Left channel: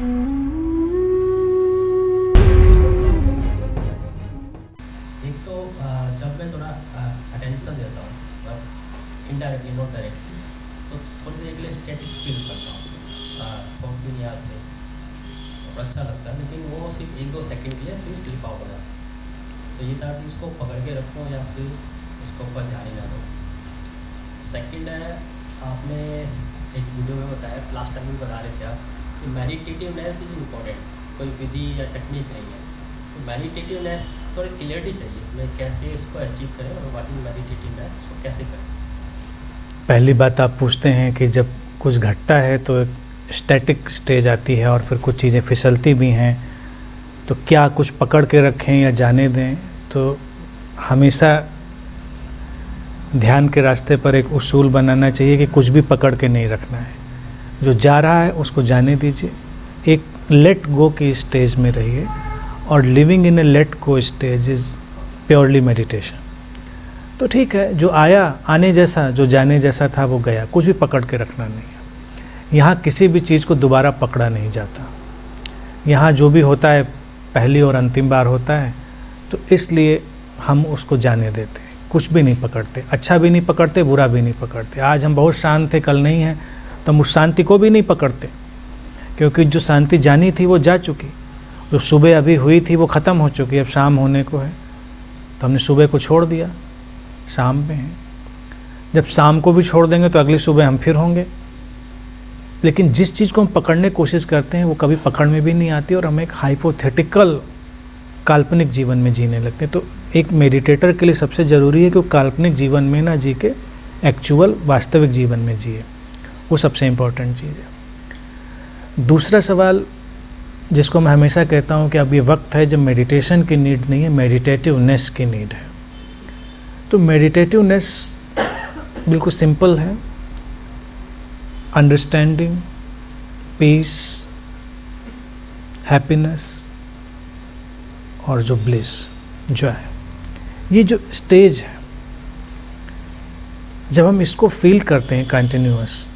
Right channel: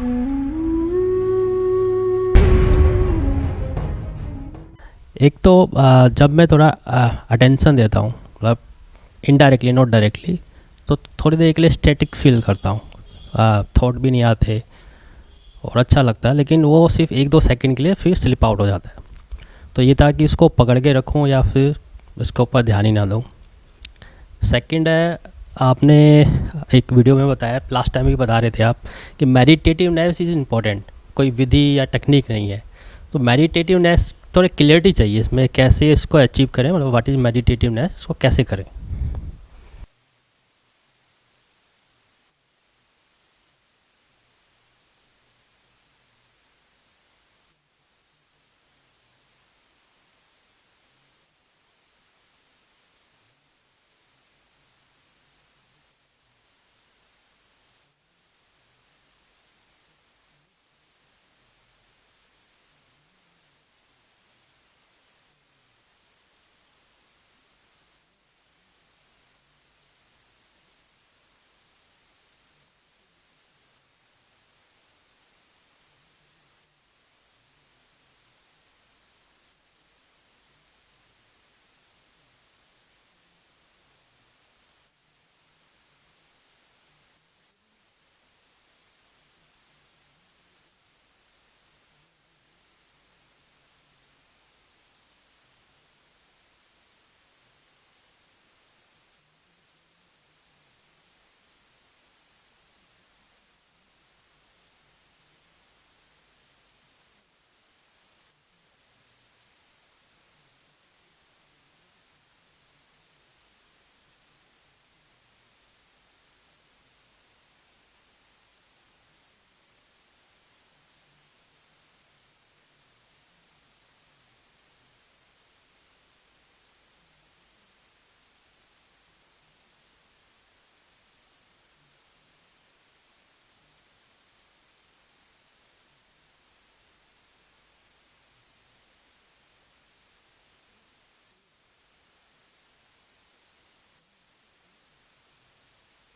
एक तो जब मैं थोड़ा अटेंशन देता हूँ, मतलब इनडायरेक्टली नॉट डायरेक्टली, तो थोड़ी देर के लिए स्टैटिक्स फील करता हूँ, थॉट भी नहीं आते और अच्छा लगता है, लेकिन वो सिर्फ 1-2 सेकंड के लिए फिर स्लिप आउट हो जाता है। तो ये था कि इसको पकड़ के रखूँ या फिर उसके ऊपर ध्यान ही ना दूँ। सेकंड है, आपने एक वीडियो में बताया, लास्ट टाइम भी बता रहे थे आप, कि मेडिटेटिवनेस इज़ इम्पॉर्टेंट, कोई विधि या टेक्निक नहीं है। तो मेडिटेटिवनेस थोड़ी क्लियरिटी चाहिए इसमें, कैसे इसको अचीव करें, मतलब व्हाट इज़ मेडिटेटिवनेस, इसको कैसे करें। पहली बात आप पूछते हैं कि जब कुछ घटता है तो एक स्टैटिक स्टेज आती है और फिर कुछ चीज़ें फिसलती भी हैं, तो क्या कुछ पकड़ के रखें या जाने दें। तो हमेशा ध्यान के रास्ते पर एक उसूल बनाना चाहिए कि कुछ भी पकड़ के नहीं रखना है, जो जा रहा है उसको जाने दीजिए, एक लेट गो की स्टेज में रहिए। और living in A let go stage is purely meditation. तो ठीक है, जो आया आने जैसा, जो जाने जैसा था वो गया, कुछ भी पकड़ के रखना नहीं है। यहाँ किसी भी चीज़ को दोबारा पकड़ा नहीं जाता, यहाँ जो भी होता है पहली और अंतिम बार होता है, तो इसलिए हम उसको जाने देते हैं, कुछ भी नहीं पकड़ते, अच्छा भी नहीं पकड़ते, बुरा भी नहीं पकड़ते। आज हम बहुत शांत थे, कल नहीं है, तो हम उस शांति को भी नहीं पकड़ते, क्योंकि जो शांति जानी थी वो जा चुकी, जो सुबह अभी हुई थी वो ख़त्म हो चुकी, अब शाम होने को है, तो हमने सुबह को छोड़ दिया, शाम में है। जब शाम को भी छोड़ देंगे तो अगली सुबह हम फिर होंगे। लेकिन जिस चीज़ को हम पकड़ने की कोशिश करते हैं वो कभी पकड़ में भी नहीं आती और हम एक हाइपोथेटिकल काल्पनिक जीवन में जीने लगते हैं। तो एक मेडिटेटर के लिए सबसे ज़रूरी है कि वो काल्पनिक जीवन में ना जी के एक्चुअल वास्तविक जीवन में जिए, वो सबसे इम्पोर्टेंट चीज़ है। दूसरा सवाल जिसको मैं हमेशा कहता हूँ कि अब ये वक्त है जब मेडिटेशन की नीड नहीं है, मेडिटेटिवनेस की नीड है। तो मेडिटेटिवनेस बिल्कुल सिंपल है, अंडरस्टैंडिंग, पीस, हैप्पीनेस और जो ब्लिस, जॉय, ये जो स्टेज है, जब हम इसको फील करते हैं कंटिन्यूअस,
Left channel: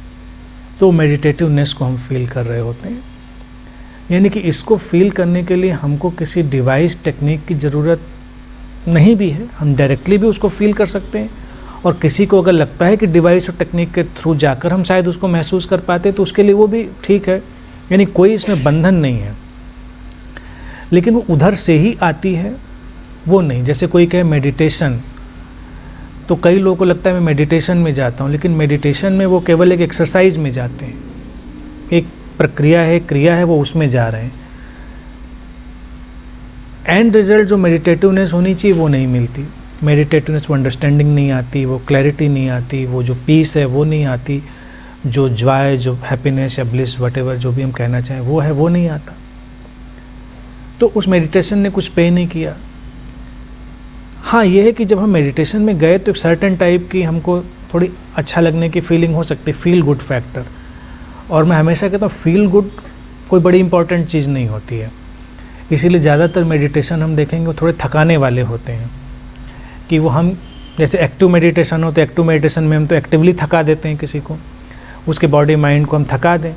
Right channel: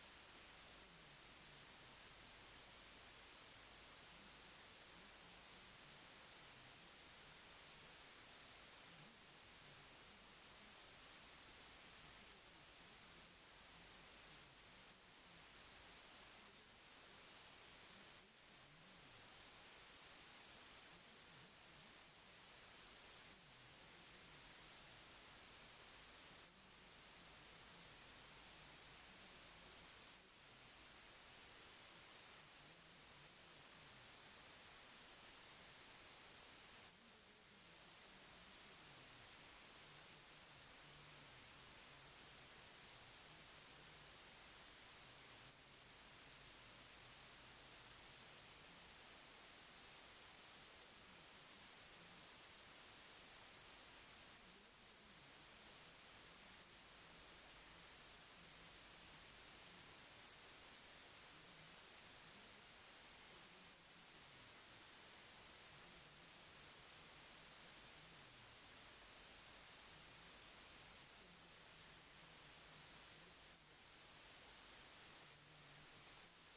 तो मेडिटेटिवनेस को हम फील कर रहे होते हैं। यानी कि इसको फील करने के लिए हमको किसी डिवाइस टेक्निक की ज़रूरत नहीं भी है, हम डायरेक्टली भी उसको फील कर सकते हैं। और किसी को अगर लगता है कि डिवाइस और टेक्निक के थ्रू जाकर हम शायद उसको महसूस कर पाते, तो उसके लिए वो भी ठीक है, यानी कोई इसमें बंधन नहीं है। लेकिन वो उधर से ही आती है, वो नहीं। जैसे कोई कहे मेडिटेशन, तो कई लोगों को लगता है मैं मेडिटेशन में जाता हूँ, लेकिन मेडिटेशन में वो केवल एक एक्सरसाइज में जाते हैं, एक प्रक्रिया है, क्रिया है, वो उसमें जा रहे हैं। एंड रिजल्ट जो मेडिटेटिवनेस होनी चाहिए वो नहीं मिलती। मेडिटेटिवनेस, वो अंडरस्टैंडिंग नहीं आती, वो क्लैरिटी नहीं आती, वो जो पीस है वो नहीं आती, जो जॉय, जो हैप्पीनेस या ब्लिस, वटेवर जो भी हम कहना चाहें वो है, वो नहीं आता। तो उस मेडिटेशन ने कुछ पे नहीं किया। हाँ, ये है कि जब हम मेडिटेशन में गए तो एक सर्टेन टाइप की हमको थोड़ी अच्छा लगने की फीलिंग हो सकती है, फील गुड फैक्टर। और मैं हमेशा कहता हूँ फील गुड कोई बड़ी इंपॉर्टेंट चीज़ नहीं होती है। इसीलिए ज़्यादातर मेडिटेशन हम देखेंगे वो थोड़े थकाने वाले होते हैं, कि वो हम जैसे एक्टिव मेडिटेशन हो तो एक्टिव मेडिटेशन में हम तो एक्टिवली थका देते हैं किसी को, उसके बॉडी माइंड को हम थका दें।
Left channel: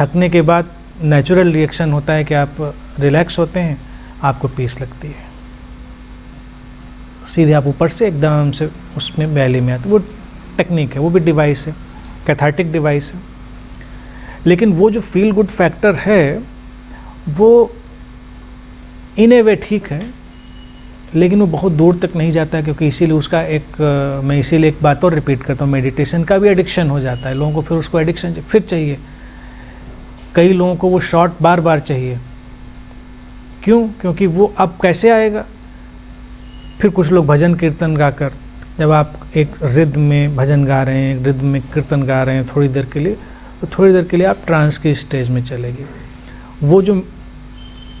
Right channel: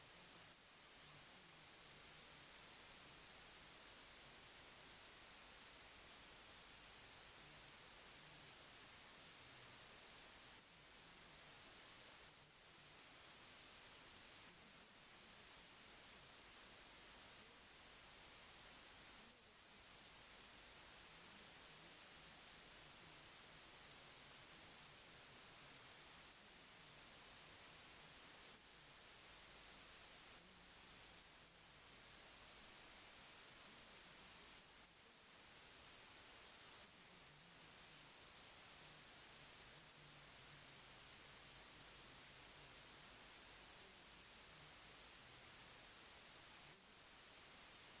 थकने के बाद नेचुरल रिएक्शन होता है कि आप रिलैक्स होते हैं, आपको पीस लगती है, सीधे आप ऊपर से एकदम से उसमें वैली में आते। वो टेक्निक है, वो भी डिवाइस है, कैथार्टिक डिवाइस है। लेकिन वो जो फील गुड फैक्टर है वो इन ए वे ठीक है, लेकिन वो बहुत दूर तक नहीं जाता, क्योंकि इसीलिए उसका मैं इसीलिए एक बात और रिपीट करता हूँ, मेडिटेशन का भी एडिक्शन हो जाता है लोगों को। फिर उसको एडिक्शन फिर चाहिए, कई लोगों को वो शॉट बार बार चाहिए। क्यों? क्योंकि वो अब कैसे आएगा। फिर कुछ लोग भजन कीर्तन गाकर, जब आप एक रिद्म में भजन गा रहे हैं, एक रिद्म में कीर्तन गा रहे हैं थोड़ी देर के लिए, तो थोड़ी देर के लिए आप ट्रांस की स्टेज में चले गए। वो जो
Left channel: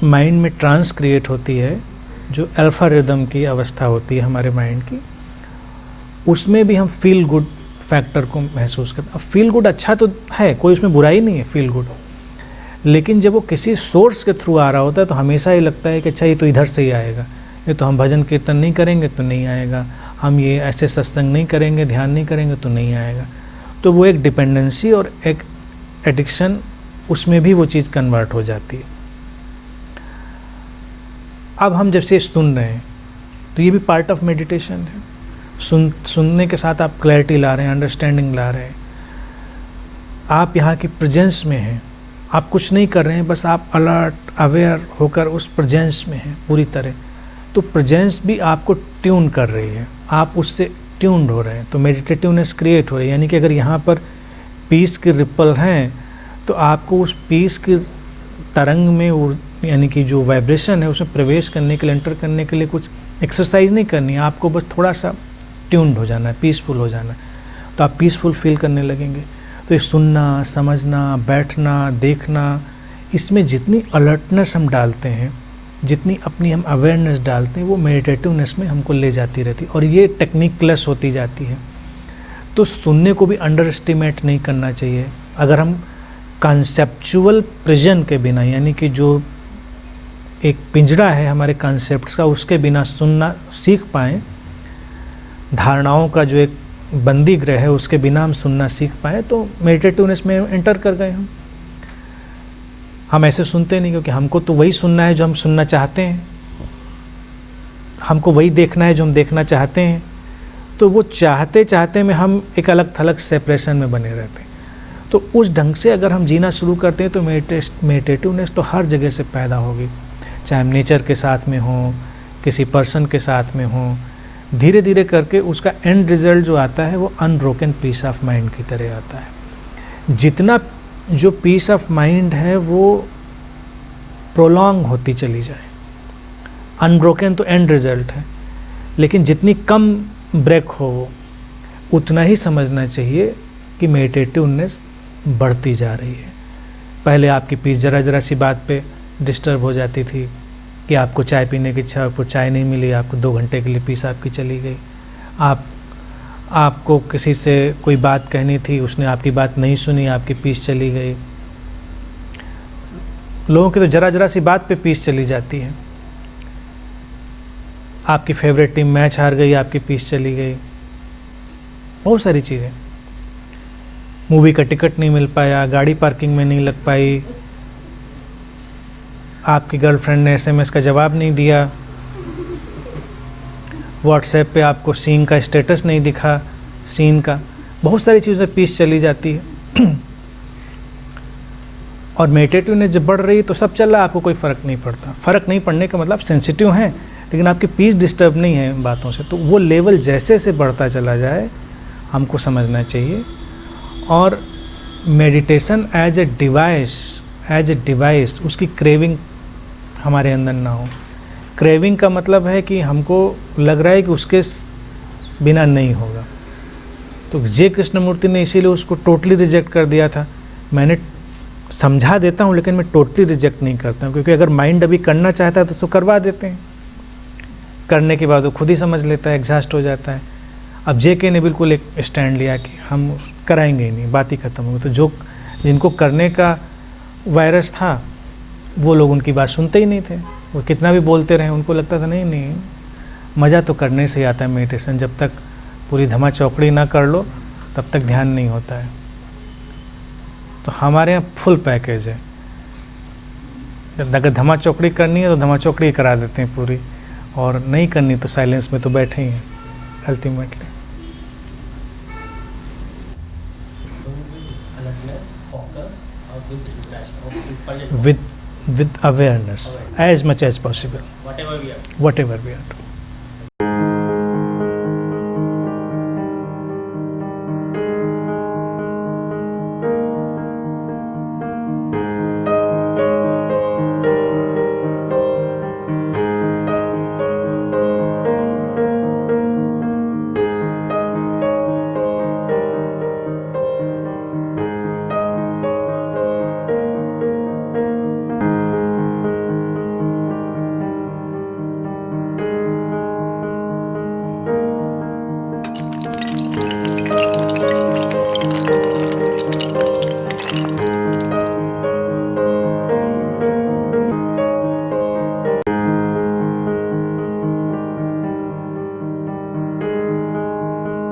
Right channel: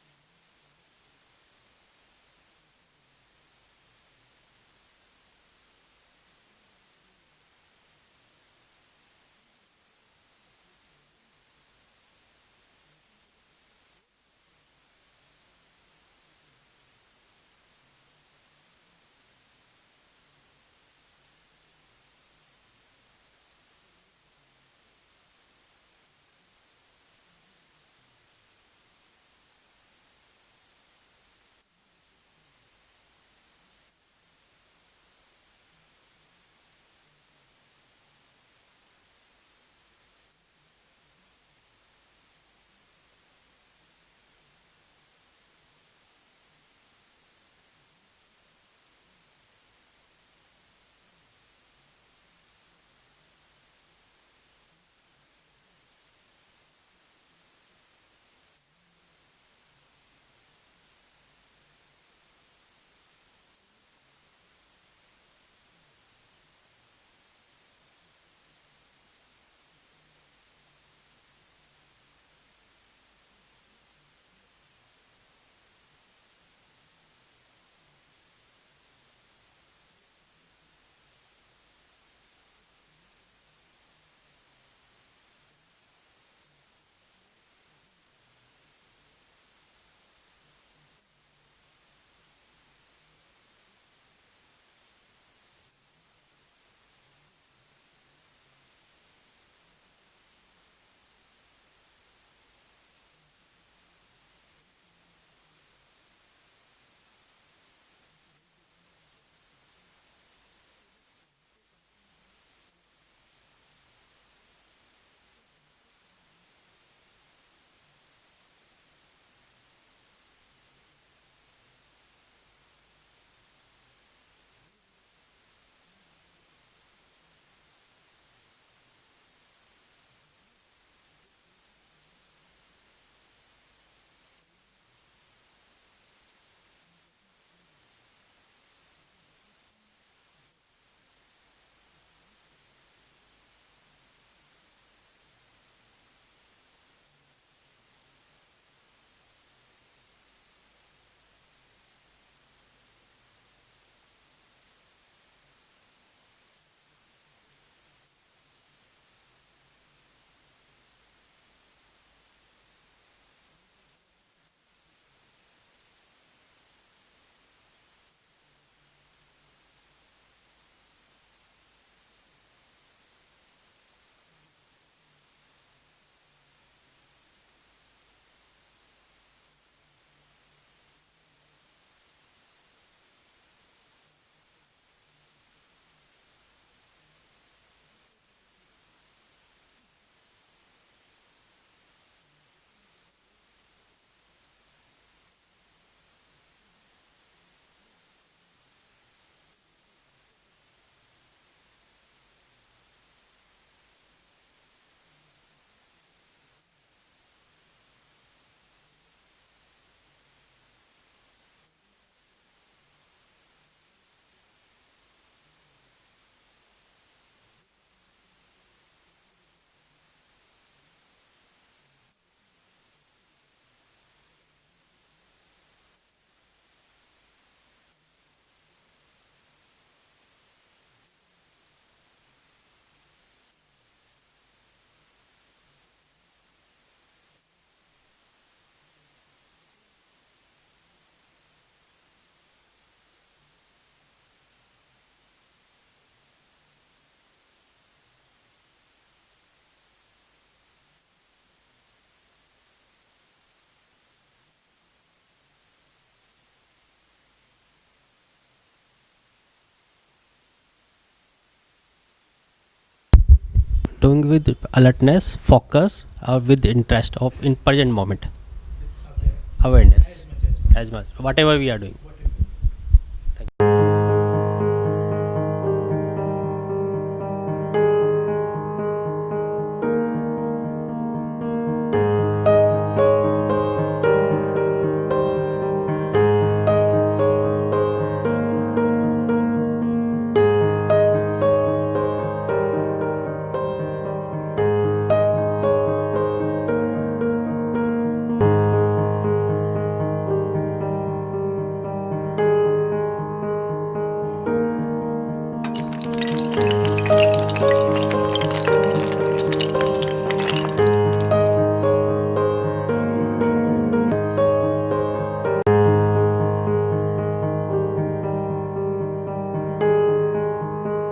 माइंड में ट्रांस क्रिएट होती है, जो अल्फा रिदम की अवस्था होती है हमारे माइंड की, उसमें भी हम फील गुड फैक्टर को महसूस करते हैं। अब फील गुड अच्छा तो है, कोई उसमें बुराई नहीं है फील गुड, लेकिन जब वो किसी सोर्स के थ्रू आ रहा होता है तो हमेशा ये लगता है कि अच्छा ये तो इधर से ही आएगा, ये तो हम भजन कीर्तन नहीं करेंगे तो नहीं आएगा, हम ये ऐसे सत्संग नहीं करेंगे, ध्यान नहीं करेंगे तो नहीं आएगा। तो वो एक डिपेंडेंसी और एक एडिक्शन उसमें भी वो चीज़ कन्वर्ट हो जाती है। अब हम जब से सुन रहे हैं तो ये भी पार्ट ऑफ मेडिटेशन है। सुनने के साथ आप क्लैरिटी ला रहे हैं, अंडरस्टैंडिंग ला रहे हैं, आप यहाँ की प्रेजेंस में हैं, आप कुछ नहीं कर रहे हैं, बस आप अलर्ट अवेयर होकर उस प्रेजेंस में हैं पूरी तरह। तो प्रेजेंस भी आपको ट्यून कर रही है, आप उससे ट्यून्ड हो रहे हैं, तो मेडिटेटिवनेस क्रिएट हो रही है। यानी कि अगर यहाँ पर पीस की रिपल हैं तो आपको उस पीस की तरंग में यानी कि जो वाइब्रेशन है उसमें प्रवेश करने के लिए, एंटर करने के लिए कुछ एक्सरसाइज नहीं करनी है, आपको बस थोड़ा सा ट्यून्ड हो जाना है, पीसफुल हो जाना है, तो आप पीसफुल फील करने लगेंगे। तो ये सुनना, समझना, बैठना, देखना, इसमें जितनी अलर्टनेस हम डालते हैं, जितनी अपनी हम अवेयरनेस डालते हैं, वो मेडिटेटिवनेस में हमको ले जाती रहती है और ये टेक्निकलेस होती जाती है। तो सुनने को भी अंडर एस्टिमेट नहीं करना चाहिए। अगर हम कॉन्सेप्चुअल प्रिजन के बिना, यानी कि जो एक पिंजरा है हमारे कॉन्सेप्ट्स का, उसके बिना सुनना सीख पाएँ, धारणाओं का जो एक बंदी गृह है उसके बिना हम सुनना सीख पाए, तो मेडिटेटिवनेस में एंटर कर गए हम ऐसे सुनते नहीं, क्योंकि हमको तो वही सुनना है जो हम सुनना चाहते हैं, हमको वही देखना है जो हम देखना चाहते हैं। तो वो चाहते चाहते में हम एक अलग थलग सेपरेशन में बने रहते हैं। तो उस ढंग से अगर हम जीना शुरू करते हैं तो मेडिटेटिवनेस तो हर जगह से पैदा होगी, चाहे हम नेचर के साथ में हों, किसी पर्सन के साथ में हों। धीरे धीरे करके उसका एंड रिजल्ट जो आता है वो अनब्रोकन पीस ऑफ माइंड की तरह आता है। जितना जो पीस ऑफ माइंड है वो प्रोलॉन्ग होती चली जाए, अनब्रोकन तो एंड रिजल्ट है, लेकिन जितनी कम ब्रेक हो उतना ही समझना चाहिए कि मेडिटेटिवनेस बढ़ती जा रही है। पहले आपकी पीस ज़रा सी बात पे डिस्टर्ब हो जाती थी कि आपको चाय पीने की इच्छा, आपको चाय नहीं मिली, आपको 2 घंटे के लिए पीस आपकी चली गई। आपको किसी से कोई बात कहनी थी, उसने आपकी बात नहीं सुनी, आपकी पीस चली गई। लोगों की तो ज़रा सी बात पे पीस चली जाती है। आपकी फेवरेट टीम मैच हार गई, आपकी पीस चली गई। बहुत सारी चीज़ें, मूवी का टिकट नहीं मिल पाया, गाड़ी पार्किंग में नहीं लग पाई, आपकी गर्लफ्रेंड ने SMS का जवाब नहीं दिया, व्हाट्सएप पे आपको सीन का स्टेटस नहीं दिखा, सीन का, बहुत सारी चीज़ें पीस चली जाती है। और मेडिटेटिवनेस जब बढ़ रही है तो सब चल रहा है, आपको कोई फ़र्क नहीं पड़ता। फ़र्क नहीं पड़ने का मतलब सेंसिटिव हैं, लेकिन आपकी पीस डिस्टर्ब नहीं है इन बातों से। तो वो लेवल जैसे से बढ़ता चला जाए हमको समझना चाहिए। और मेडिटेशन एज ए डिवाइस उसकी क्रेविंग हमारे अंदर ना हो। क्रेविंग का मतलब है कि हमको लग रहा है कि उसके बिना नहीं होगा। तो जे कृष्णमूर्ति ने इसीलिए उसको टोटली रिजेक्ट कर दिया था। मैंने समझा देता हूँ लेकिन मैं टोटली रिजेक्ट नहीं करता हूँ, क्योंकि अगर माइंड अभी करना चाहता है तो उसको करवा देते हैं, करने के बाद वो खुद ही समझ लेता है, एग्जॉस्ट हो जाता है। अब JK ने बिल्कुल एक स्टैंड लिया कि हम कराएंगे ही नहीं, बात ही ख़त्म हो गई। तो जो जिनको करने का वायरस था वो लोग उनकी बात सुनते ही नहीं थे, वो कितना भी बोलते रहे, उनको लगता था नहीं मज़ा तो करने से ही आता है मेडिटेशन, जब तक पूरी धमा चौकड़ी ना कर लो तब तक ध्यान नहीं होता है। तो हमारे यहाँ फुल पैकेज है, अगर धमा चौकड़ी करनी है तो धमा चौकड़ी करा देते हैं पूरी, और नहीं करनी तो साइलेंस में तो बैठे ही हैं ultimately. Doing with alertness, focus, or with interest of in present moment. With awareness, as much as possible. Whatever we are doing. Whatever we are doing.